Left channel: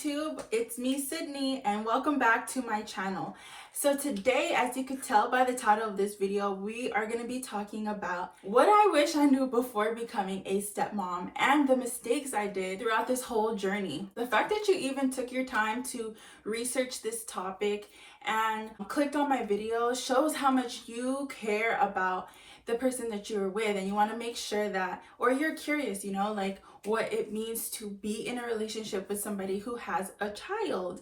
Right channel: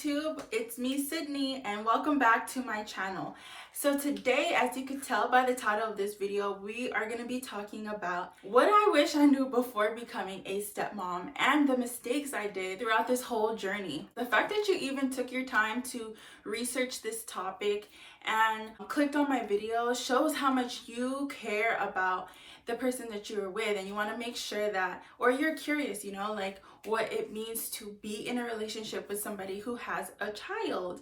YouTube, it's me Sydney and welcome back to my channel. So today, as you could tell by the title of this video, we are going to be talking about what I wish I knew before becoming a stepmom and the mistakes I did throughout this whole journey. The fact that you even took your time to research this topic and clicked on my video shows how much you care about the person that you're with, and you want to make sure that, or you're curious, like what it means to be in a relationship with somebody who has a child.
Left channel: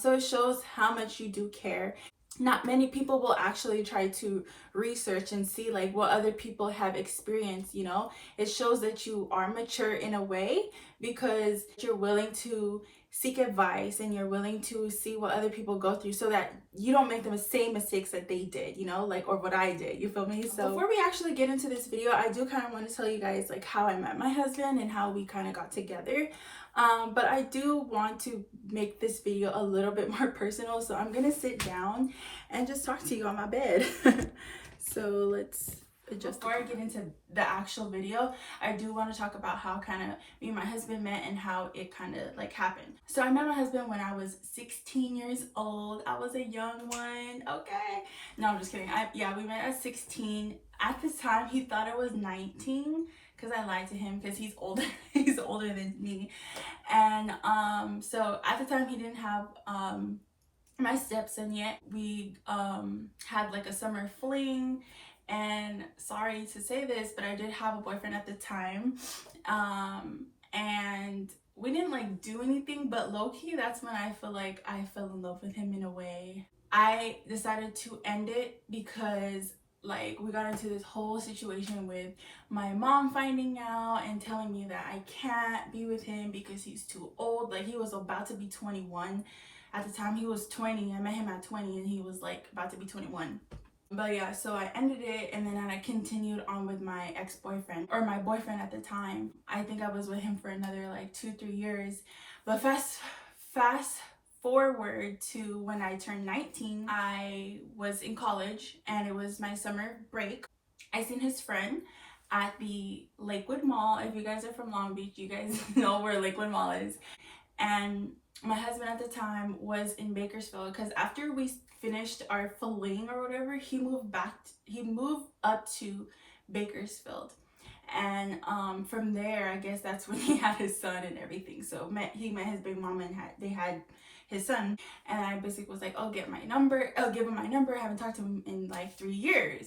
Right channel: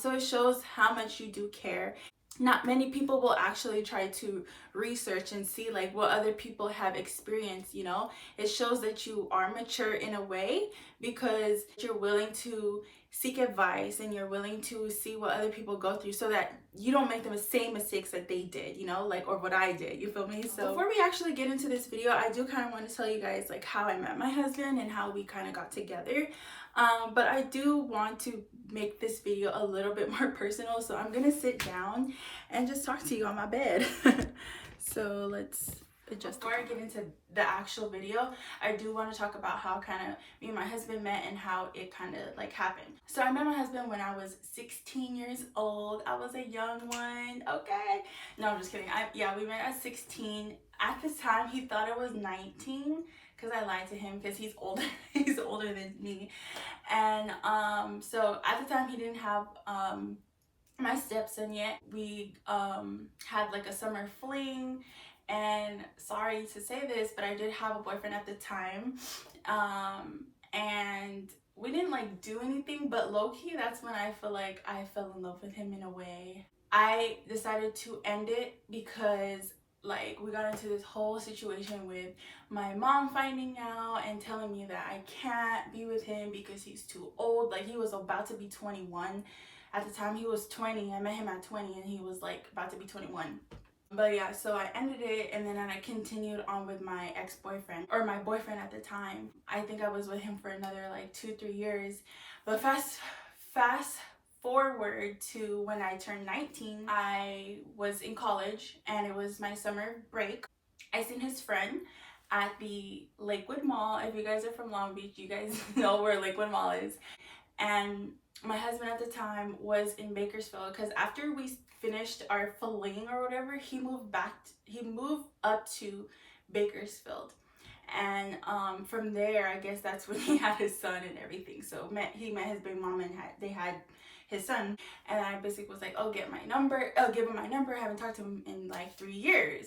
So it shows how much you do care. Not many people will actually try to research and see like what other people have experienced. It shows that you are mature in a way because you're willing to seek advice and you're willing to see what other people go through so that you don't make the same mistakes that they did, or what I did. You feel me? So before we actually get into this video, I do kind of want to tell you guys like how I met my husband and how we kind of got together. But I do want to make this video a little bit more personal, so I'm gonna sit down and just talk to you on my bed. So let's adjust. Before I get into the actual video, I do want to talk about how kind of me and my husband met and how it kind of like happened. So I met my husband when I was 16 years old. I was a young one, okay? No, I'm just kidding. We met at 16. At this time, he thought it was 19 because I lied to him because he's older. He's older than me. And so at the time, he didn't have my stepson yet. We had like a summer fling. And sorry to say this, but I did have a boyfriend at the time. And we didn't like do anything, but low-key, that's when I feel like I fell in love with him in a way. I decided to end it because like we got into this whole situation with my mom finding out and telling me that I can't be with him because he's too old. Like he was about to be 21. At the time he was 20. I met him at 20 and he was like about to be 21. But yeah, so I ended it and then I continued on with my ex-boyfriend, or my boyfriend at the time. I think I was with him for another like 2-3 years. But fast forward to when I turned 19, I was in college and it was my summer break. I seen his friend at the Lakewood Mall. If you guys are from Long Beach, you guys know where Lakewood Mall is. And my husband at the time was in Bakersfield because after we finished our fling or whatever, he moved up to Bakersfield. And from there, I guess that's when he had his son and everything. So he met his big mom and they had his son. And I basically was like, oh, give him my number. I haven't talked to him in like 3 years.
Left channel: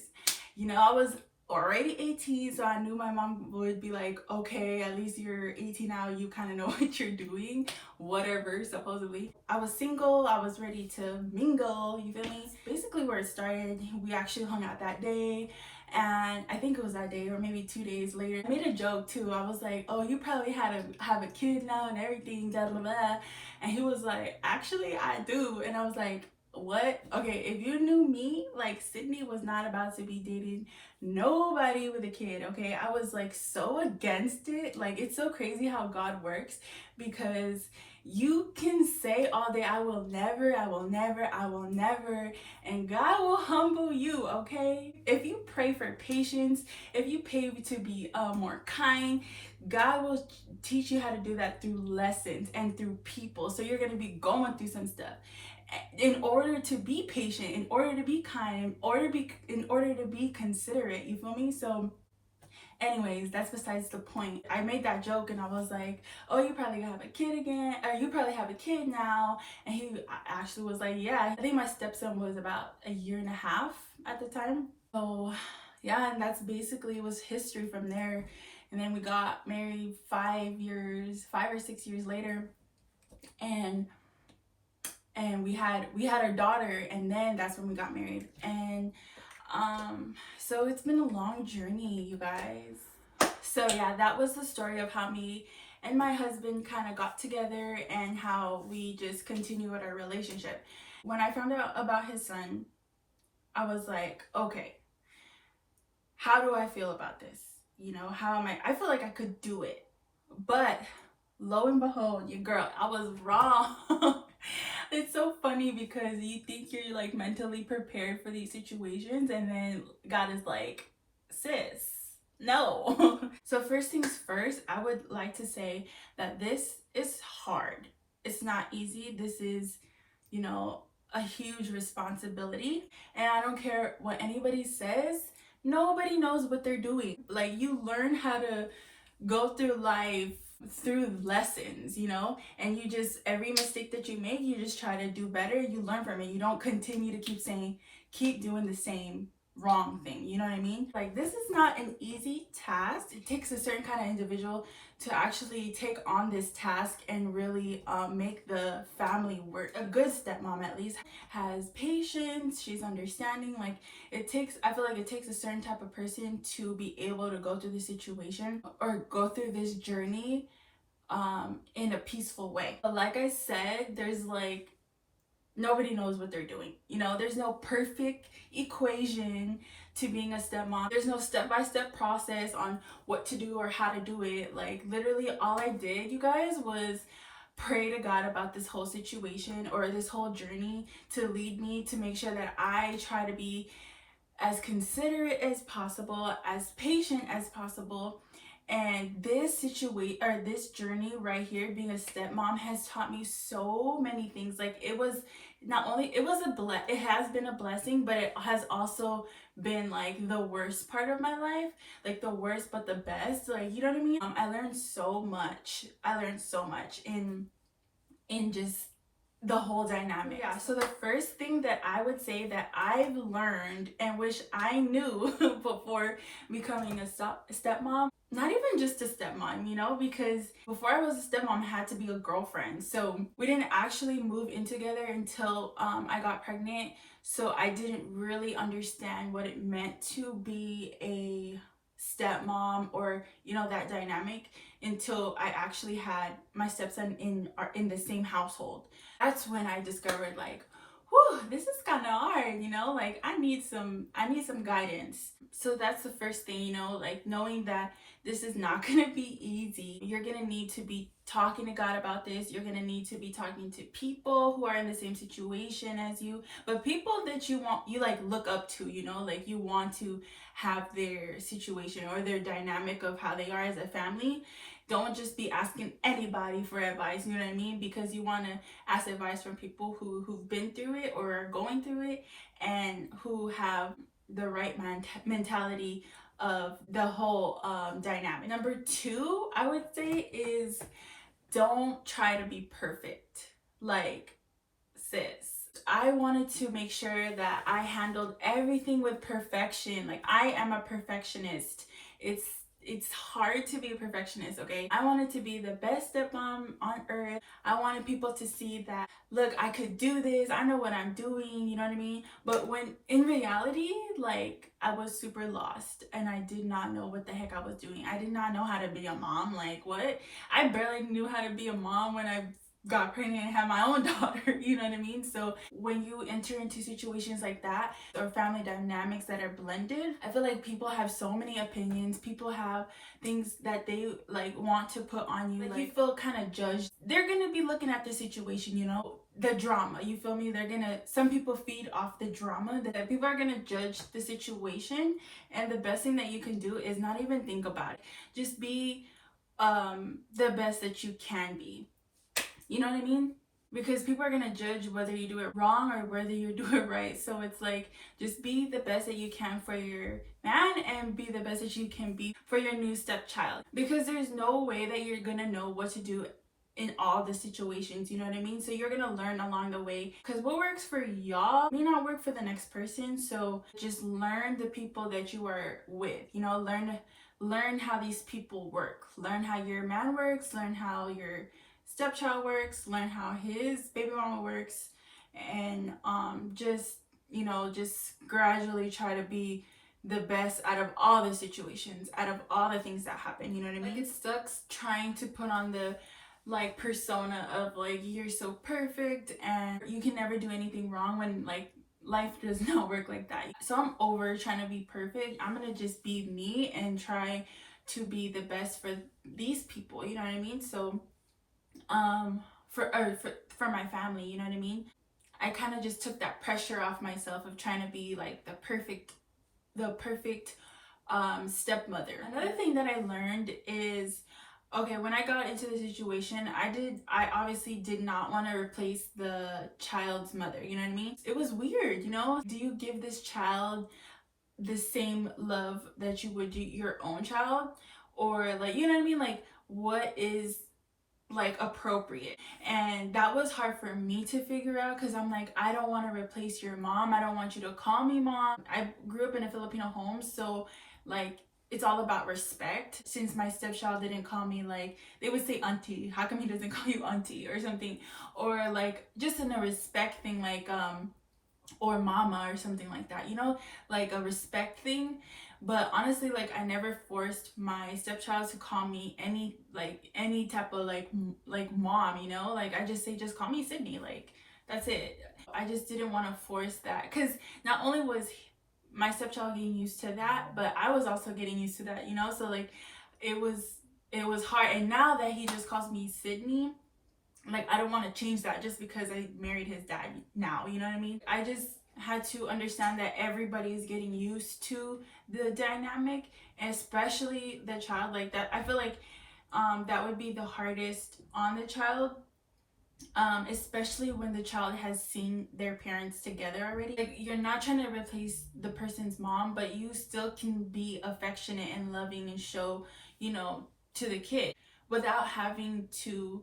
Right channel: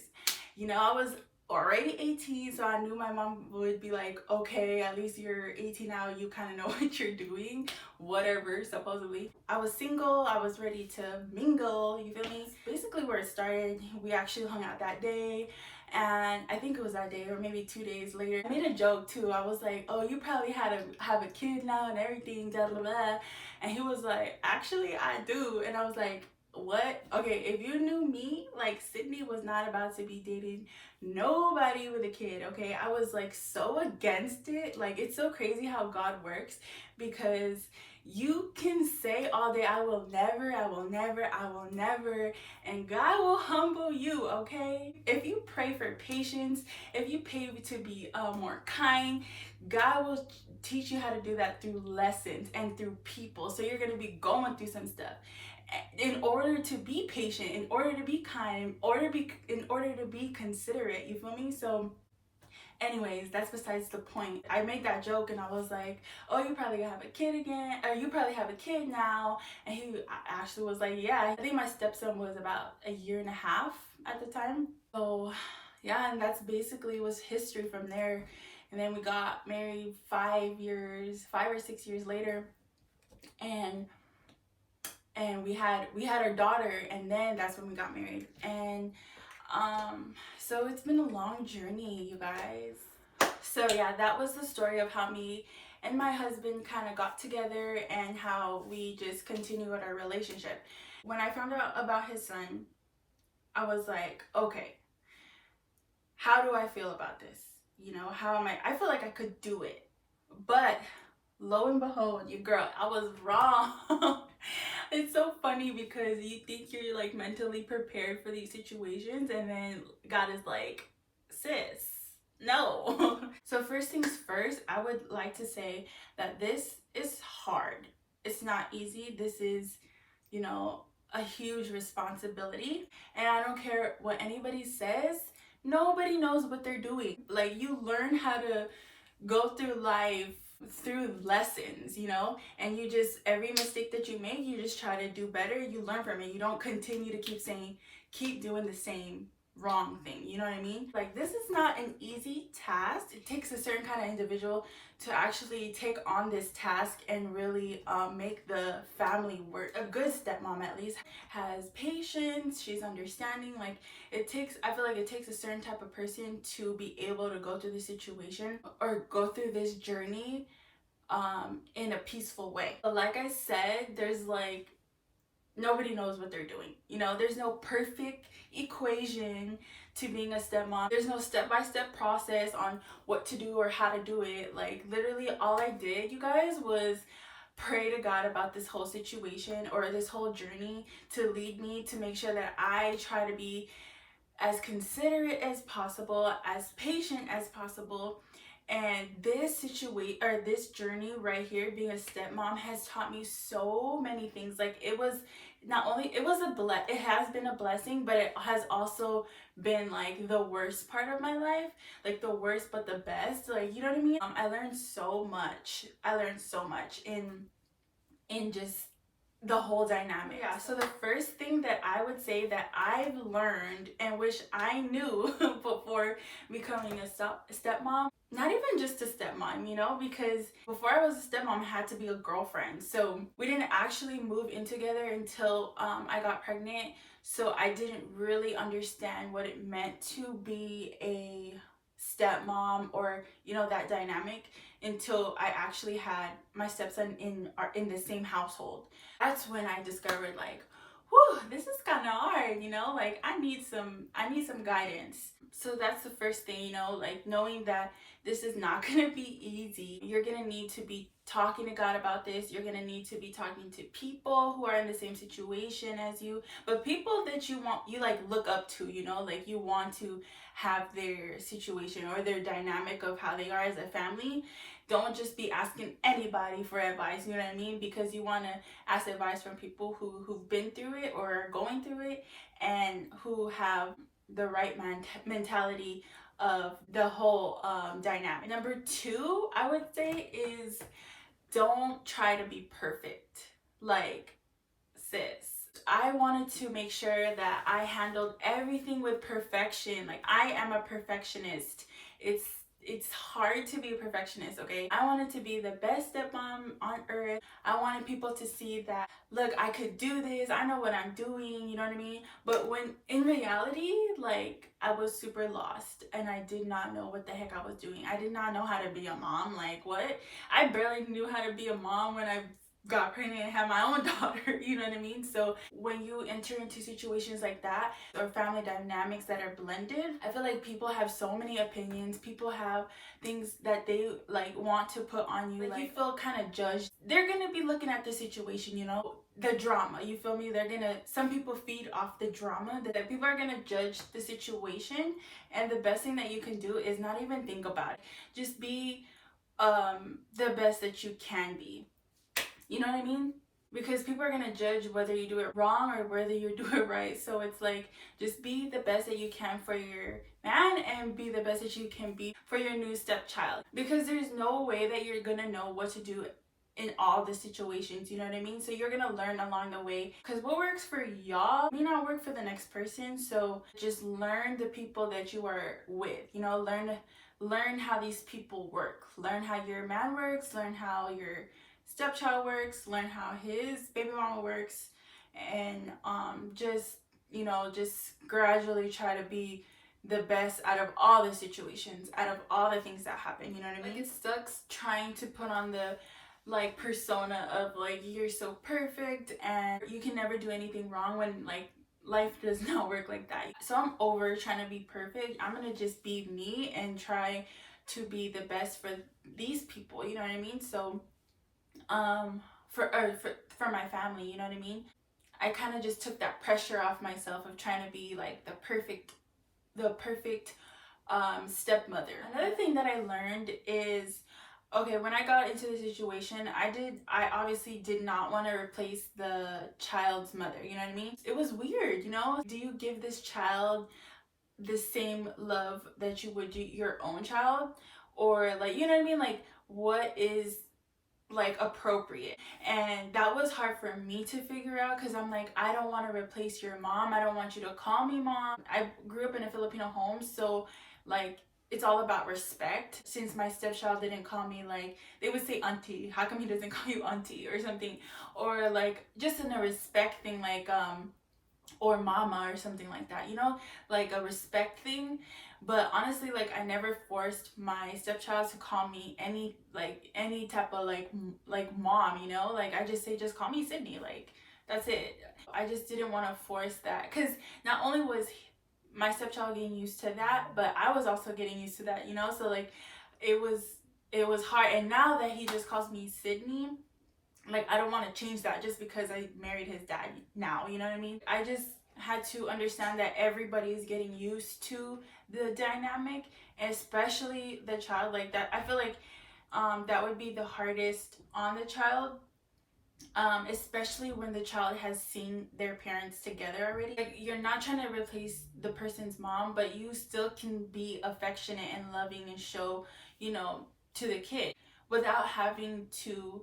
I was already 18, so I knew my mom would be like, okay, at least you're 18 now, you kind of know what you're doing, whatever, supposedly. I was single, I was ready to mingle, you feel me? Basically where it started, we actually hung out that day, and I think it was that day or maybe 2 days later. I made a joke too. I was like, oh, you probably have a kid now and everything, blah blah blah. And he was like, actually I do. And I was like, what? Okay, if you knew me, like Sydney was not about to be dating nobody with a kid. Okay, I was like so against it. Like it's so crazy how God works, because you can say all day, I will never, and God will humble you. Okay, if you pray for patience, if you pray to be more kind, God will teach you how to do that through lessons and through people. So you're gonna be going through some stuff in order to be patient, in order to be kind, in order to be considerate, you feel me? So anyways, that's besides the point. I made that joke and I was like, oh, you probably have a kid again, or you probably have a kid now. And he actually was like, yeah. I think my stepson was about 1.5 years at the time. So yeah, and that's basically was history from there. And then we got married 5 or 6 years later, and we had our daughter, and then that's when we got married. And so it's been a long journey, you guys. So yeah, that was the story of how me and my husband kind of got together and how we just continued our relationship. When I found out about his son, I was like, okay, how do I feel about this? How am I feel like I could do it. But lo and behold, your girl, I was wrong. It's so funny because you think you're like mentally prepared for these situations, and then God is like, sis, no. So first things first, I would like to say that this is hard. It's not easy. This is, you know, a huge responsibility. And I don't care what anybody says, nobody knows what they're doing. Like, you learn how to go through life through lessons, you know, and you just, every mistake that you make, you just try to do better. You learn from it. You don't continue to keep doing the same wrong thing, you know what I mean? Like, this is not an easy task. It takes a certain kind of individual to actually take on this task and really make the family work. A good stepmom, at least, has patience, she's understanding. Like, I feel like it takes a certain type of person to be able to go through the situation or go through this journey in a peaceful way. But like I said, there's like, nobody knows what they're doing. You know, there's no perfect equation to being a stepmom. There's no step-by-step process on what to do or how to do it. Like, literally all I did, you guys, was pray to God about this whole situation or this whole journey to lead me, to make sure that I try to be as considerate as possible, as patient as possible. And this journey right here, being a stepmom, has taught me so many things. Like, it was not only, it has been a blessing, but it has also been like the worst part of my life. Like, the worst but the best, like, you know what I mean? I learned so much. In just the whole dynamic. Yeah, so the first thing that I would say that I've learned and wish I knew before becoming a stepmom, not even just a stepmom, you know, because before I was a stepmom, I had to be a girlfriend. So we didn't actually move in together until I got pregnant. So I didn't really understand what it meant to be a stepmom, or, you know, that dynamic, until I actually had my stepson in the same household. That's when I discovered, like, whew, this is kind of hard, you know, like, I need some guidance. So that's the first thing, you know, like, knowing that this is not going to be easy. You're going to need to be talking to God about this. You're going to need to be talking to people who are in the same situation as you, but people that you like look up to, you know, like, you want to have their situation or their dynamic of how they are as a family. Don't just be asking anybody for advice, you know what I mean? Because you want to ask advice from people who've been through it or are going through it, and who have the right mentality of the whole dynamic. Number two, I would say, is don't try to be perfect. Like, sis, I wanted to make sure that I handled everything with perfection. Like, I am a perfectionist. It's hard to be a perfectionist, okay? I wanted to be the best stepmom on earth. I wanted people to see that, look, I could do this. I know what I'm doing, you know what I mean? But when in reality, like, I was super lost and I did not know what the heck I was doing. I did not know how to be a mom. Like, what? I barely knew how to be a mom when I got pregnant and had my own daughter, you know what I mean? So when you enter into situations like that, or family dynamics that are blended, I feel like people have so many opinions. People have things that they like want to put on you. Like, you feel kind of judged. They're gonna be looking at the situation, you know, the drama, you feel me? Some people feed off the drama, that people are gonna judge the situation. And the best thing that you can do is not even think about it. Just be the best that you can be. You know what I mean? Because people are going to judge whether you do it wrong or whether you do it right. So it's like, just be the best that you can for your man, and be the best that you can be for your new stepchild. Because there's no way that you're going to know what to do in all the situations, you know what I mean? So you're going to learn along the way. Because what works for y'all may not work for the next person. So just learn the people that you are with, you know, learn how these people work. Learn how your man works, learn how your stepchild works, learn how his baby mama works, and just, you know, just gradually try to be the best out of all the situations, out of all the things that happen, you know what I mean? Like, it sucks trying to put on the like persona of like, you're so perfect and you can never do anything wrong, when like life does not work like that. So I'm over trying to be perfect. I'm gonna just be me and try to be the best for these people, you know what I mean? So for my family, you know what I mean? I kind of just took that pressure off myself of trying to be like the perfect stepmother. Another thing that I learned is Okay, when I got into the situation, I obviously did not want to replace the child's mother, you know what I mean? It was weird, you know? Do you give this child the same love that you would do your own child? Or like, you know what I mean? Like, what is like appropriate? And that was hard for me to figure out, because I'm like, I don't want to replace your mom. I don't want you to call me mom. I grew up in a Filipino home, so like it's all about respect. Since my stepchild didn't call me, like they would say auntie, how come he doesn't call you auntie or something? Or like just in a respect thing, like or mama or something like that, you know, like a respect thing. But honestly, like I never forced my stepchild to call me any type of like mom, you know, like I just say, just call me Sydney, like that's it. I just didn't want to force that, because not only was my stepchild getting used to that, but I was also getting used to that, you know. So like it was it was hard. And now that he just calls me Sydney, like I don't want to change that just because I married his dad now, you know what I mean? I just had to understand that everybody is getting used to the dynamic, and especially the child. Like that, I feel like that would be the hardest on the child, especially when the child has seen their parents together already. Like, you're not trying to replace the person's mom, but you still can be affectionate and loving and show, you know, to the kid without having to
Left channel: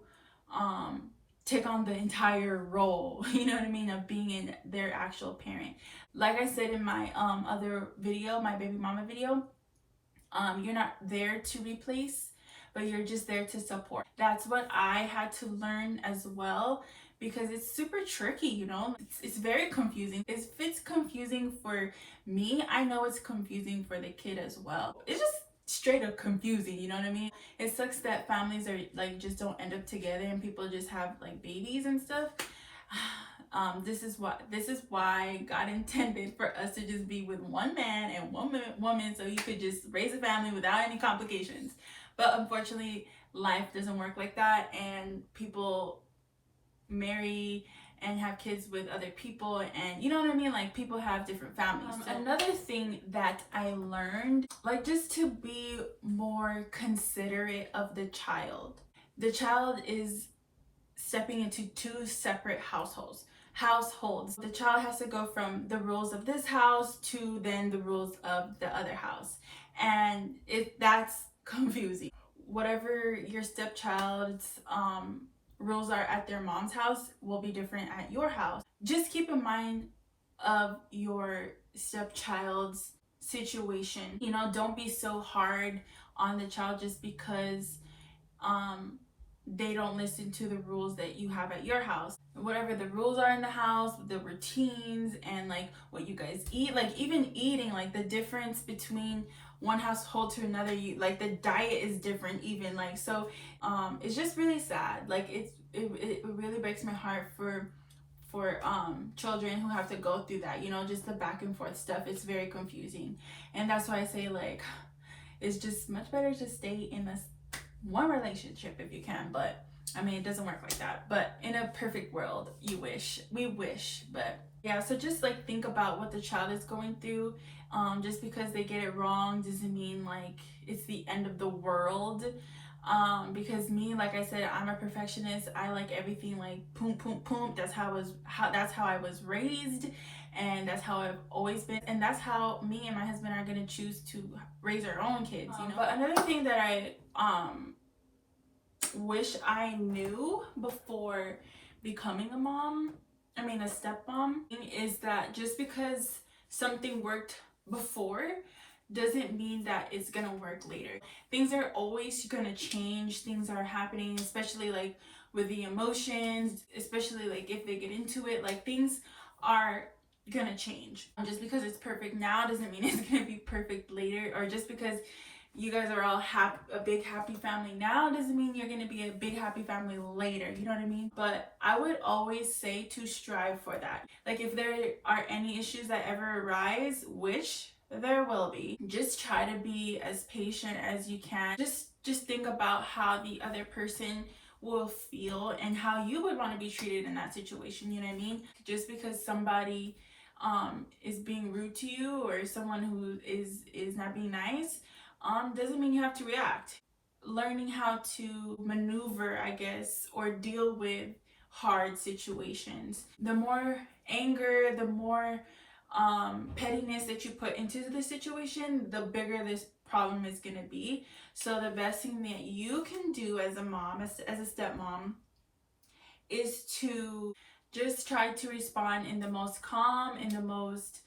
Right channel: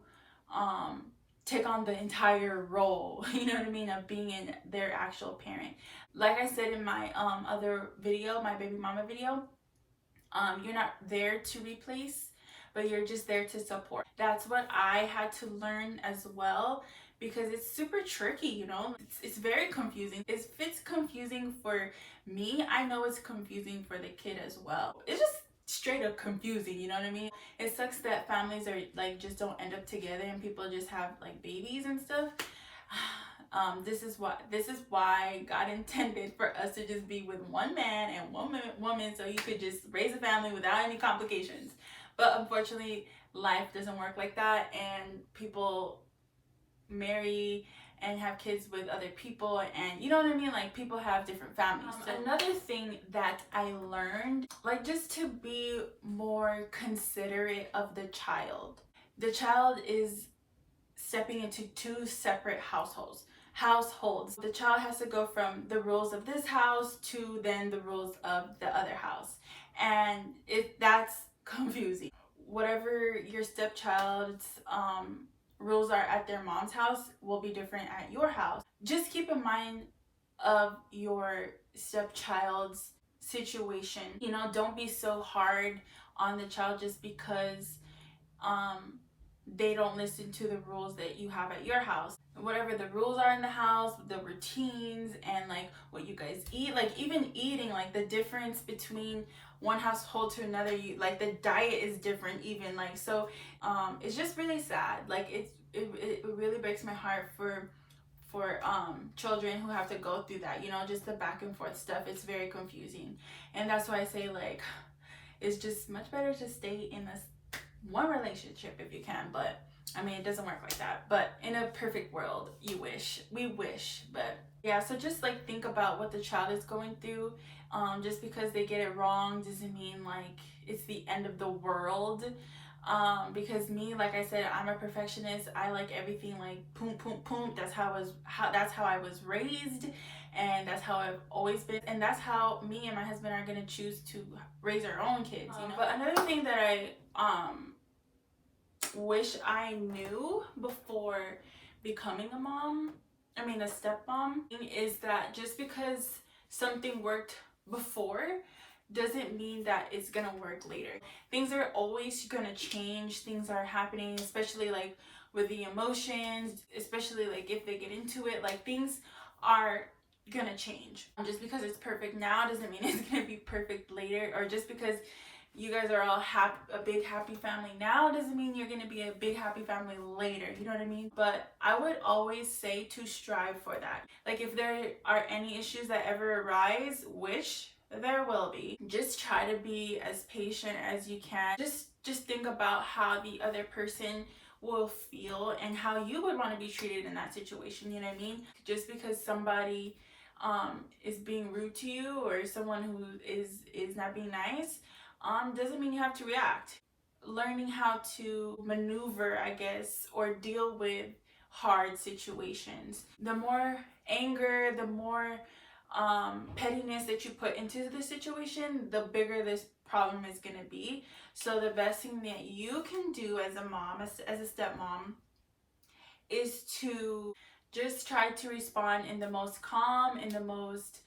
um take on the entire role, you know what I mean, of being in their actual parent. Like I said in my other video, my baby mama video, you're not there to replace, but you're just there to support. That's what I had to learn as well, because it's super tricky, you know. It's very confusing. If it's confusing for me, I know it's confusing for the kid as well. It's just straight up confusing, you know what I mean? It sucks that families are like just don't end up together and people just have like babies and stuff. This is why God intended for us to just be with one man and one woman, so you could just raise a family without any complications. But unfortunately, life doesn't work like that, and people marry and have kids with other people, and you know what I mean, like people have different families. So another thing that I learned, like just to be more considerate of the child. The child is stepping into two separate households. The child has to go from the rules of this house to then the rules of the other house, and that's confusing. Whatever your stepchild's rules are at their mom's house will be different at your house. Just keep in mind of your stepchild's situation, you know. Don't be so hard on the child just because um they don't listen to the rules that you have at your house. Whatever the rules are in the house, the routines, and like what you guys eat, like even eating, like the difference between one household to another, you like the diet is different even, like. So it's just really sad. Like it really breaks my heart for children who have to go through that, you know, just the back and forth stuff. It's very confusing, and that's why I say like it's just much better to stay in this one relationship if you can. But I mean, it doesn't work like that. But in a perfect world, we wish. But yeah, so just like think about what the child is going through. Just because they get it wrong doesn't mean like it's the end of the world. Because me, like I said, I'm a perfectionist. I like everything like boom boom boom. That's how I was raised, and that's how I've always been, and that's how me and my husband are gonna choose to raise our own kids, you know. But another thing that I wish I knew before becoming a mom, I mean a stepmom, is that just because something worked before doesn't mean that it's gonna work later. Things are always gonna change. Things are happening, especially like with the emotions, especially like if they get into it, like things are gonna change. Just because it's perfect now doesn't mean it's gonna be perfect later, or just because you guys are all a big happy family now doesn't mean you're going to be a big happy family later, you know what I mean? But I would always say to strive for that. Like if there are any issues that ever arise, which there will be, just try to be as patient as you can. Just think about how the other person will feel and how you would want to be treated in that situation, you know what I mean? Just because somebody is being rude to you, or someone who is not being nice, doesn't mean you have to react. learning how to maneuver, I guess, or deal with hard situations. The more anger, the more pettiness that you put into the situation, the bigger this problem is going to be. So the best thing that you can do as a mom, as a stepmom, is to just try to respond in the most calm, in the most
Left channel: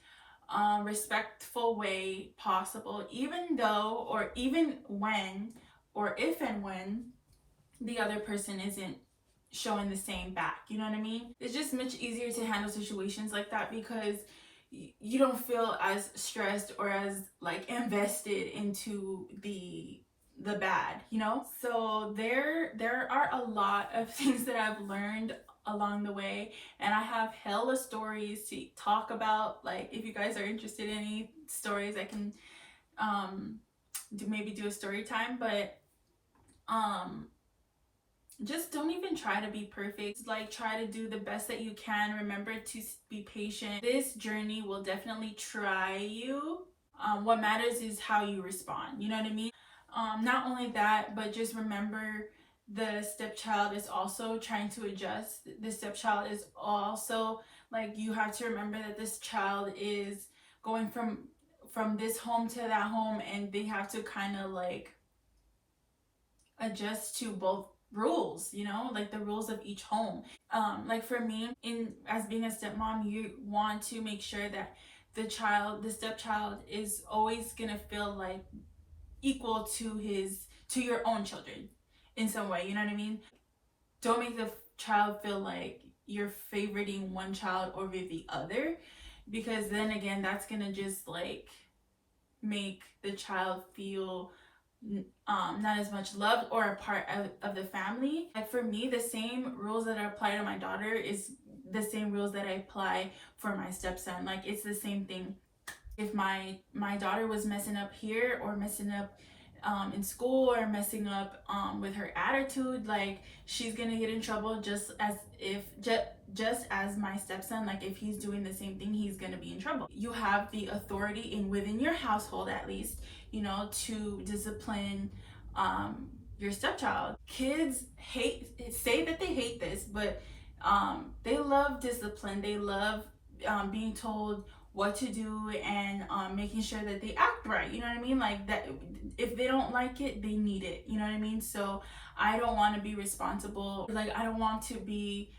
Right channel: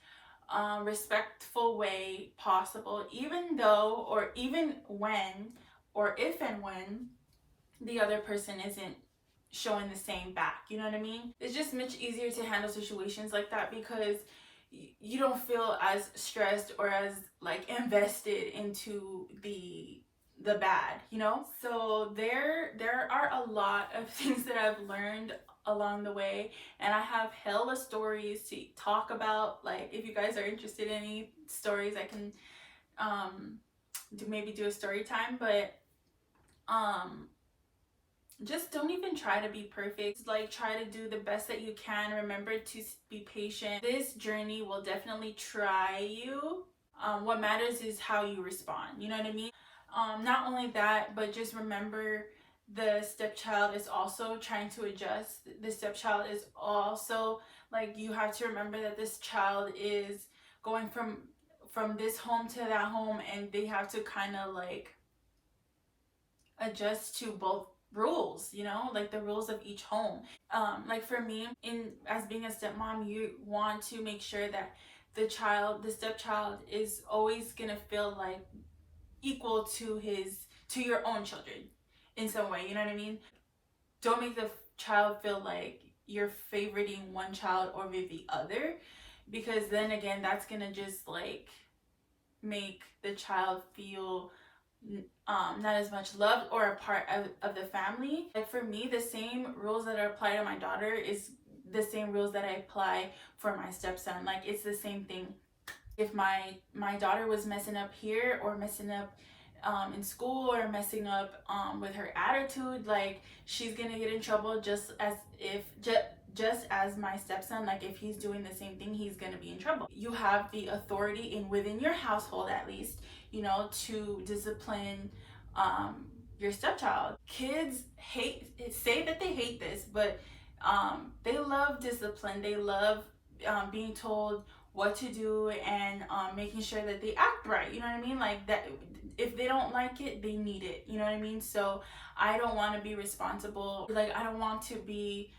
respectful way possible, even though, or even when, or if and when the other person isn't showing the same back. You know what I mean? It's just much easier to handle situations like that because you don't feel as stressed or as like invested into the bad, you know? So there are a lot of things that I've learned along the way, and I have hella stories to talk about. Like, if you guys are interested in any stories, I can maybe do a story time. But just don't even try to be perfect. Like, try to do the best that you can. Remember to be patient. This journey will definitely try you. What matters is how you respond, you know what I mean? Not only that, but just remember, the stepchild is also trying to adjust. The stepchild is also, like, you have to remember that this child is going from this home to that home, and they have to kind of like adjust to both rules, you know, like the rules of each home. Like for me, in as being a stepmom, you want to make sure that the stepchild is always gonna feel like equal to your own children in some way, you know what I mean? Don't make the child feel like you're favoriting one child over the other, because then again, that's gonna just like make the child feel not as much loved or a part of the family. Like for me, the same rules that I apply to my daughter is the same rules that I apply for my stepson. Like, it's the same thing. If my daughter was messing up here, or messing up in school, or messing up with her attitude, like, she's gonna get in trouble just as my stepson. Like, if he's doing the same thing, he's gonna be in trouble. You have the authority within your household, at least, you know, to discipline your stepchild. Kids say that they hate this, but they love discipline. They love being told what to do, and making sure that they act right, you know what I mean? Like, that if they don't like it, they need it, you know what I mean? So I don't want to be responsible, like, I don't want to be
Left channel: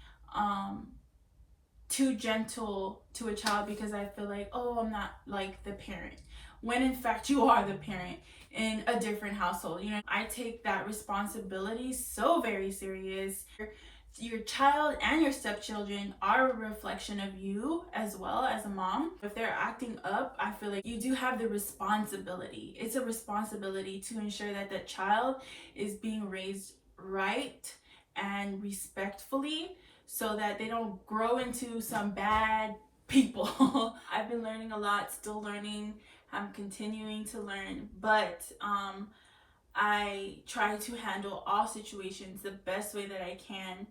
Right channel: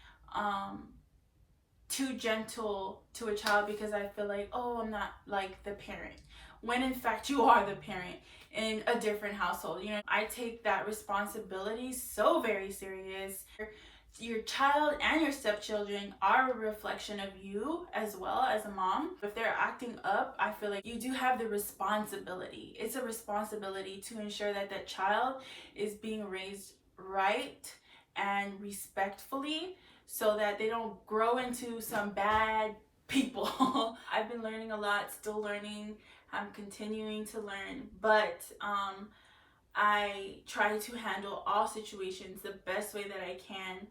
too gentle to a child, because I feel like, oh, I'm not like the parent, when in fact you are the parent in a different household. You know, I take that responsibility so very serious. Your child and your stepchildren are a reflection of you as well as a mom. If they're acting up, I feel like you do have the responsibility. It's a responsibility to ensure that that child is being raised right and respectfully, so that they don't grow into some bad people. I've been learning a lot, still learning. I'm continuing to learn, but I try to handle all situations the best way that I can.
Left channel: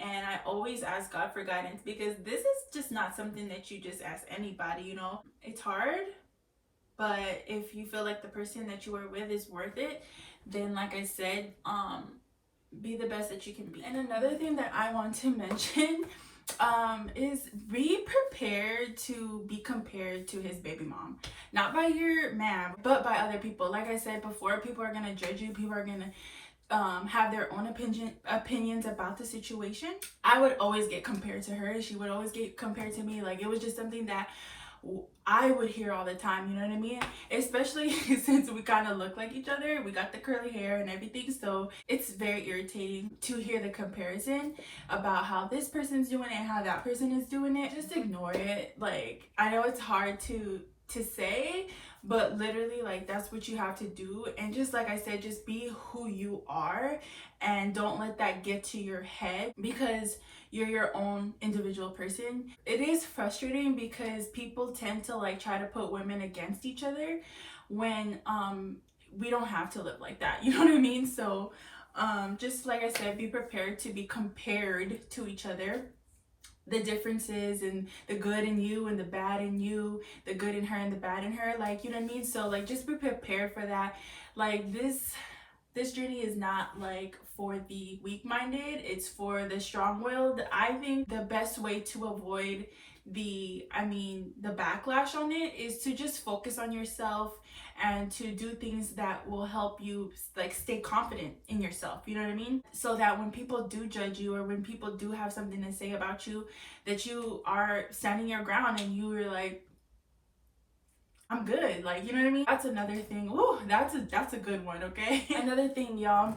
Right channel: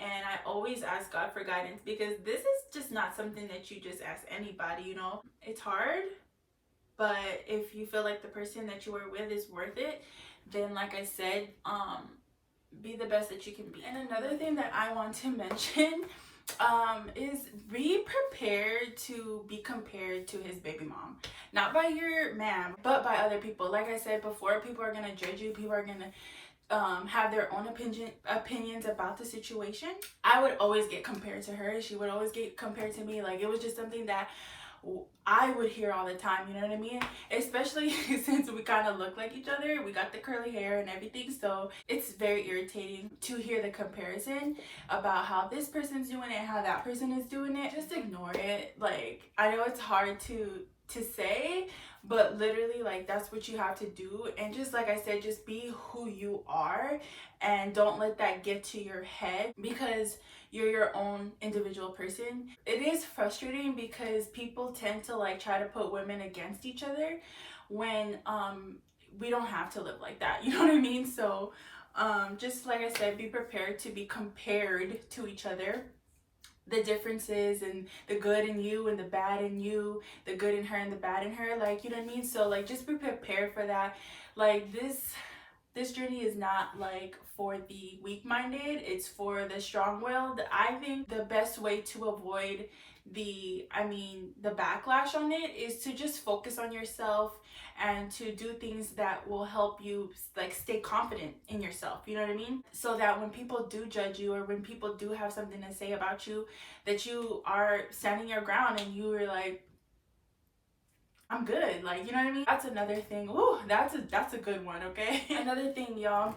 And I always ask God for guidance, because this is just not something that you just ask anybody, you know? It's hard, but if you feel like the person that you are with is worth it, then, like I said, be the best that you can be. And another thing that I want to mention is be prepared to be compared to his baby mom. Not by your man, but by other people. Like I said before, people are gonna judge you. People are gonna have their own opinions about the situation. I would always get compared to her. She would always get compared to me. Like, it was just something that I would hear all the time, you know what I mean? Especially since we kind of look like each other. We got the curly hair and everything, so it's very irritating to hear the comparison about how this person's doing it and how that person is doing it. Just ignore it. Like, I know it's hard to say, but literally, like, that's what you have to do. And just like I said, just be who you are, and don't let that get to your head, because you're your own individual person. It is frustrating because people tend to like try to put women against each other, when we don't have to live like that, you know what I mean? So just like I said, be prepared to be compared to each other. The differences, and the good in you and the bad in you, the good in her and the bad in her, like, you know what I mean? So like, just be prepared for that. Like, this This journey is not like for the weak-minded, it's for the strong-willed. I think the best way to avoid the backlash on it is to just focus on yourself and to do things that will help you like stay confident in yourself, you know what I mean? So that when people do judge you, or when people do have something to say about you, that you are standing your ground and you are like, I'm good, like, you know what I mean? That's another thing. Ooh, that's a good one, okay? Another thing, y'all,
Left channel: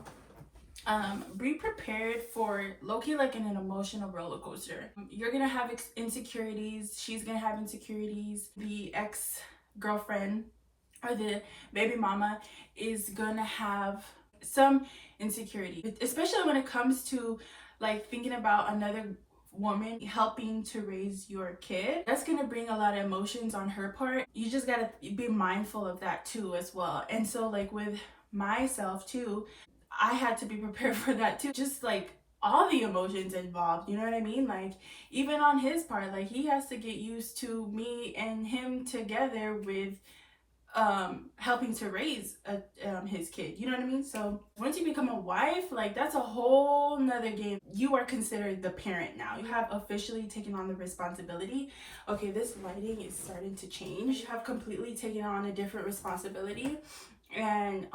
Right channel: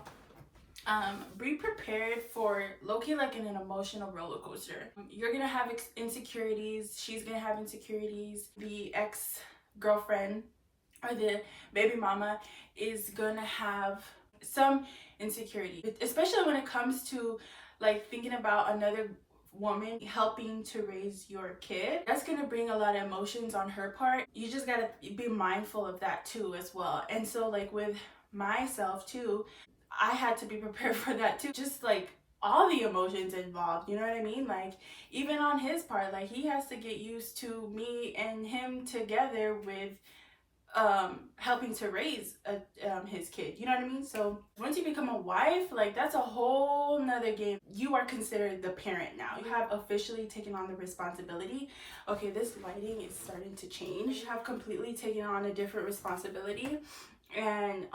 be prepared for low-key like in an emotional roller coaster. You're gonna have insecurities, she's gonna have insecurities, the ex-girlfriend or the baby mama is gonna have some insecurity, especially when it comes to like thinking about another woman helping to raise your kid. That's gonna bring a lot of emotions on her part. You just gotta be mindful of that too as well. And so like with myself too, I had to be prepared for that too. Just like all the emotions involved, you know what I mean? Like even on his part, like he has to get used to me and him together with helping to raise his kid, you know what I mean? So once you become a wife, like that's a whole nother game. You are considered the parent now. You have officially taken on the responsibility. Okay, this lighting is starting to change. You have completely taken on a different responsibility, and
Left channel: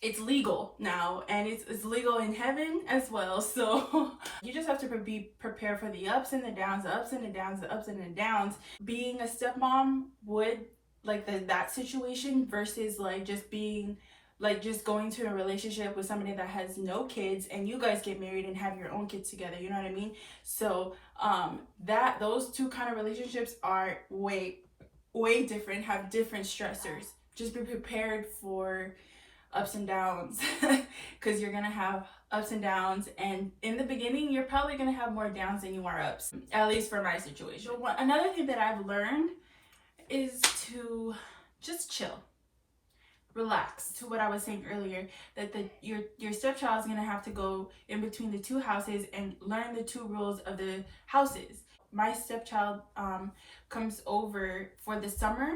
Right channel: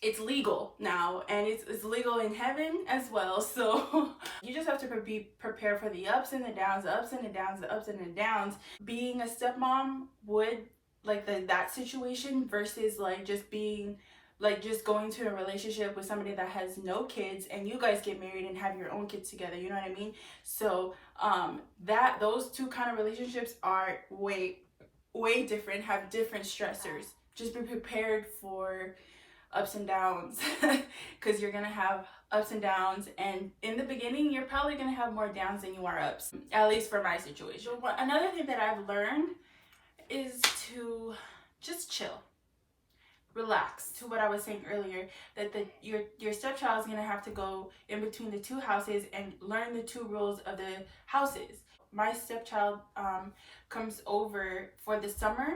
it's legal now, and it's legal in heaven as well. So you just have to be prepared for the ups and the downs, the ups and the downs, the ups and the downs. Being a stepmom would like that situation versus like just being like just going to a relationship with somebody that has no kids and you guys get married and have your own kids together, you know what I mean? So that those two kind of relationships are way different, have different stressors. Just be prepared for ups and downs because you're gonna have ups and downs, and in the beginning you're probably gonna have more downs than you are ups, at least for my situation. Another thing that I've learned is to just chill, relax. To what I was saying earlier, that your stepchild is gonna have to go in between the two houses and learn the two rules of the houses. My stepchild comes over for the summer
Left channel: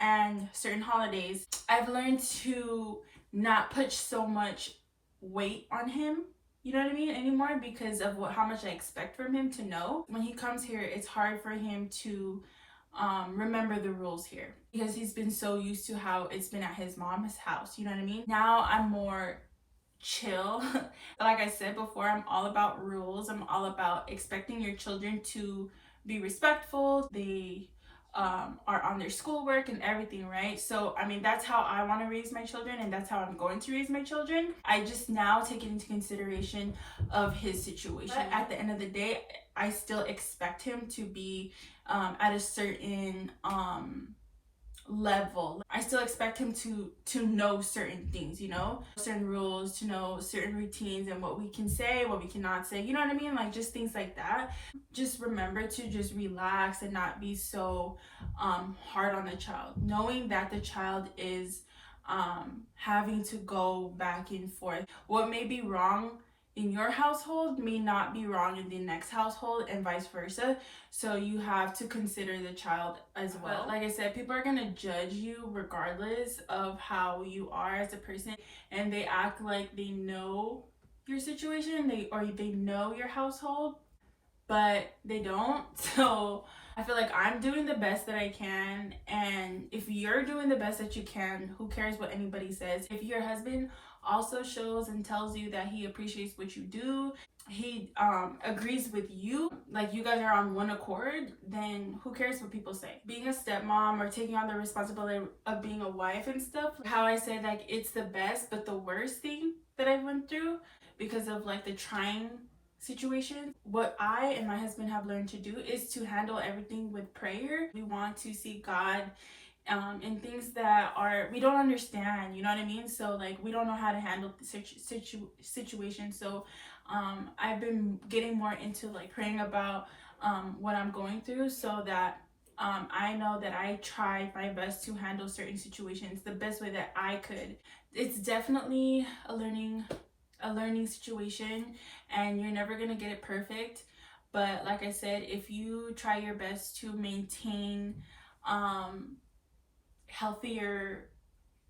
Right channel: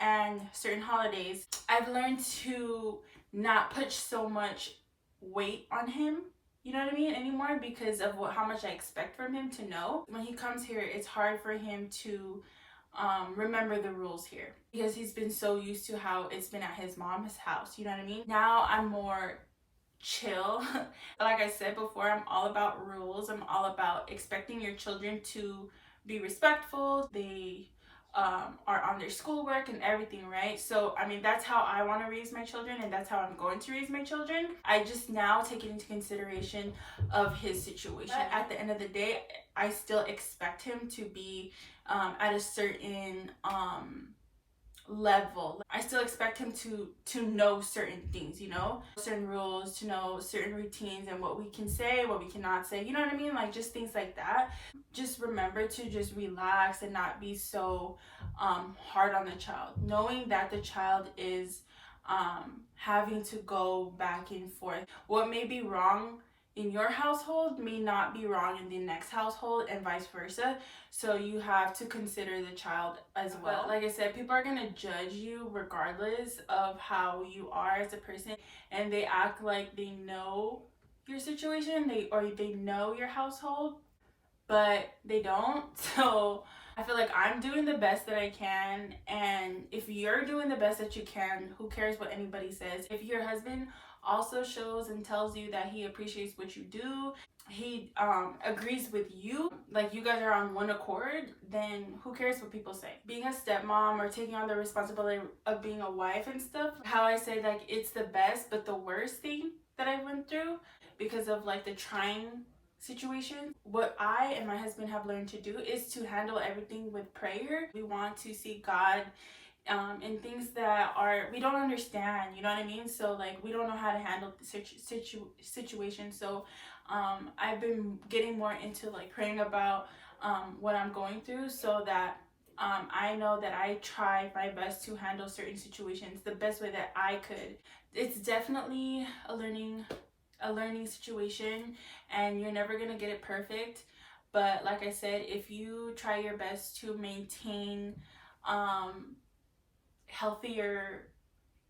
and certain holidays. I've learned to not put so much weight on him, you know what I mean, anymore, because of how much I expect from him to know. When he comes here, it's hard for him to remember the rules here because he's been so used to how it's been at his mom's house, you know what I mean? Now I'm more chill. Like I said before, I'm all about rules. I'm all about expecting your children to be respectful. They are on their schoolwork and everything, right? So I mean, that's how I want to raise my children, and that's how I'm going to raise my children. I just now take it into consideration of his situation. But at the end of the day, I still expect him to be at a certain level. I still expect him to know certain things, you know, certain rules, to know certain routines and what we can say, what we cannot say, you know what I mean? Like just things like that. Just remember to just relax and not be so hard on the child, knowing that the child is having to go back and forth. What may be wrong in your household may not be wrong in the next household, and vice versa. So you have to consider the child as well. Like I said, people are gonna judge you regardless of how you are as a person, and they act like they know your situation, they know your household, but they don't. So I feel like I'm doing the best that I can, and if you're doing the best that you can, who cares what anybody says? If your husband also shows and tells you that he appreciates what you do, he agrees with you, like you guys are on one accord, then who cares what people say? Being a stepmom or taking on the responsibility of being a wife and stuff, how I say like it's the best but the worst thing that I went through because of like the trying situation. What I and my husband have learned to do is to handle everything with prayer. We want to see God in things that we don't understand, you know what I mean? So like we don't know how to handle the situation. So I've been getting more into like praying about what I'm going through, so that I know that I try my best to handle certain situations the best way that I could. It's definitely a learning situation, and you're never gonna get it perfect, but like I said, if you try your best to maintain healthier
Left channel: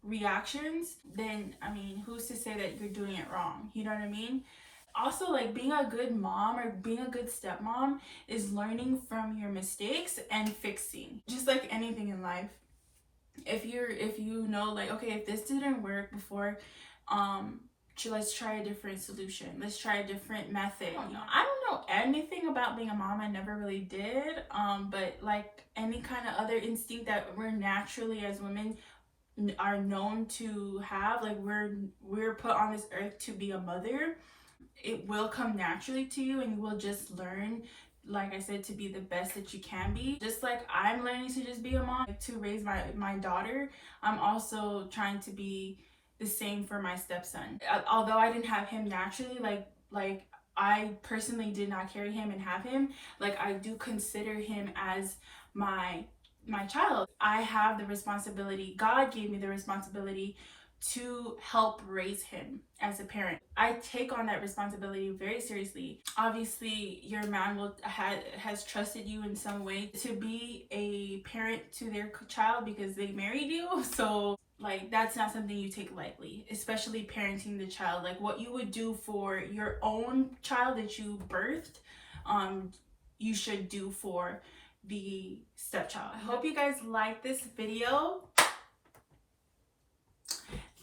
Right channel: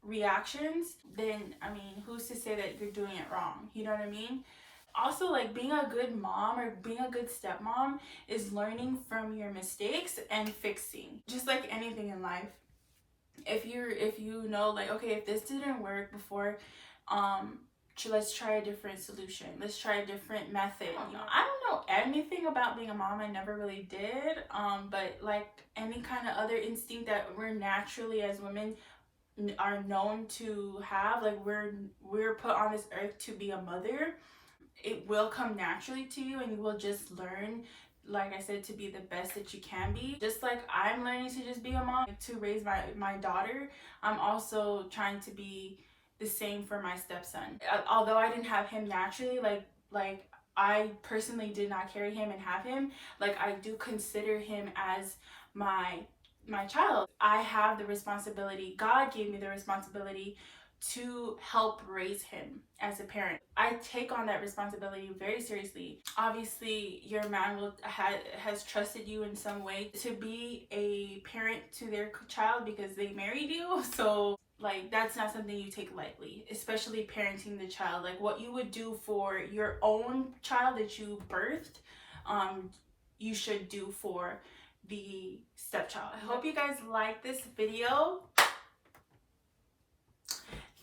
reactions, then I mean, who's to say that you're doing it wrong? You know what I mean? Also, like, being a good mom or being a good stepmom is learning from your mistakes and fixing. Just like anything in life, if you know, like, okay, if this didn't work before, let's try a different solution, let's try a different method. You know, I don't know anything about being a mom, I never really did, but like any kind of other instinct that we're naturally as women are known to have, like we're put on this earth to be a mother, it will come naturally to you, and you will just learn, like I said, to be the best that you can be. Just like I'm learning to just be a mom, to raise my daughter, I'm also trying to be the same for my stepson. Although I didn't have him naturally, like I personally did not carry him and have him, like I do consider him as my child. I have the responsibility, God gave me the responsibility to help raise him as a parent. I take on that responsibility very seriously. Obviously, your man has trusted you in some way to be a parent to their child because they married you. So like, that's not something you take lightly, especially parenting the child. Like, what you would do for your own child that you birthed, you should do for the stepchild. I hope you guys like this video.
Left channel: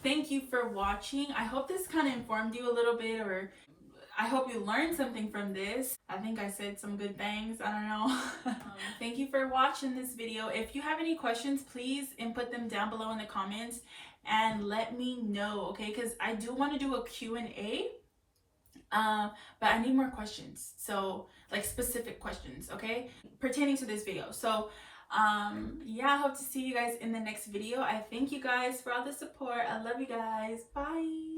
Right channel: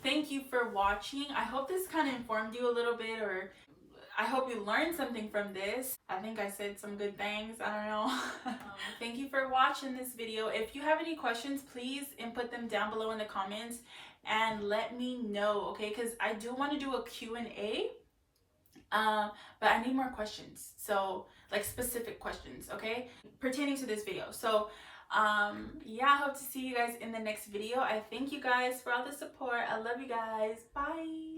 Thank you for watching. I hope this kind of informed you a little bit, or I hope you learned something from this. I think I said some good things, I don't know. Thank you for watching this video. If you have any questions, please input them down below in the comments and let me know, okay? Because I do want to do a Q&A, but I need more questions. So, like, specific questions, okay? Pertaining to this video. So, yeah, I hope to see you guys in the next video. I thank you guys for all the support. I love you guys. Bye.